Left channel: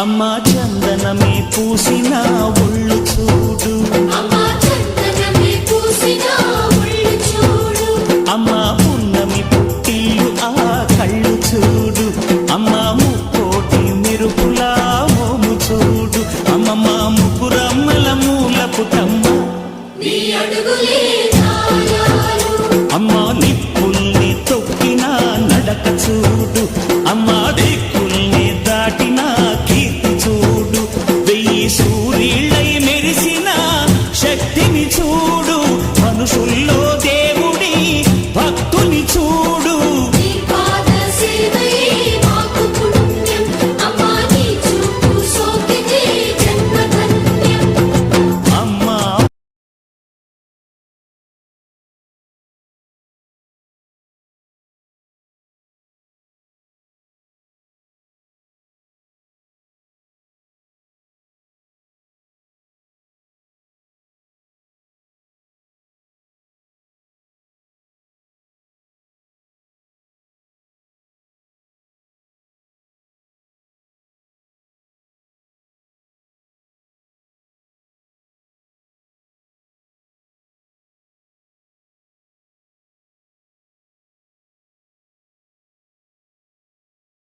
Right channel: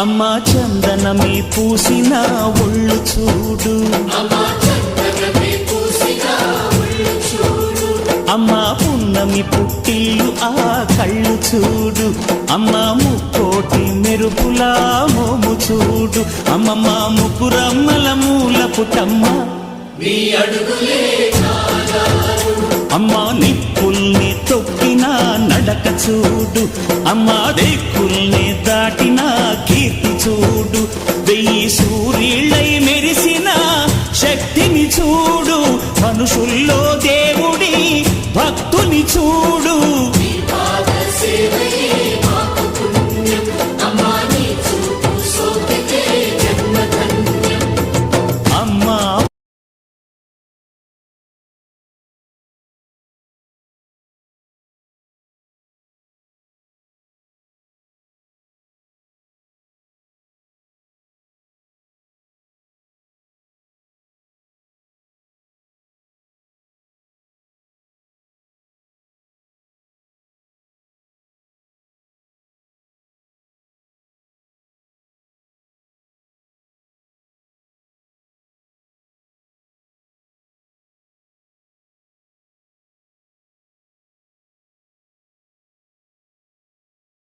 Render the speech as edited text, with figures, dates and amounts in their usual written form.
అమ్మా చందనమే పూసిన ఒళ్ళు చూడు, అమ్మా పున్నమి పుట్టిల్లు ఆ కళ్ళు చూడు, అమ్మా ముక్కోటి మెరుపులా మోము చూడు, అమ్మమ్మ ముగ్గురమ్మల మూల పుటమ్మ అమ్మా నిప్పుల్ని తొక్కిన నడక చూడు, అమ్మా దిక్కుల్ని దాటిన కీర్తి చూడు, 1000 సూర్యుళ్ళై మెరిసిన శక్తిని చూడు, మనుషుల్లో దేవుడి భక్తుని చూడు.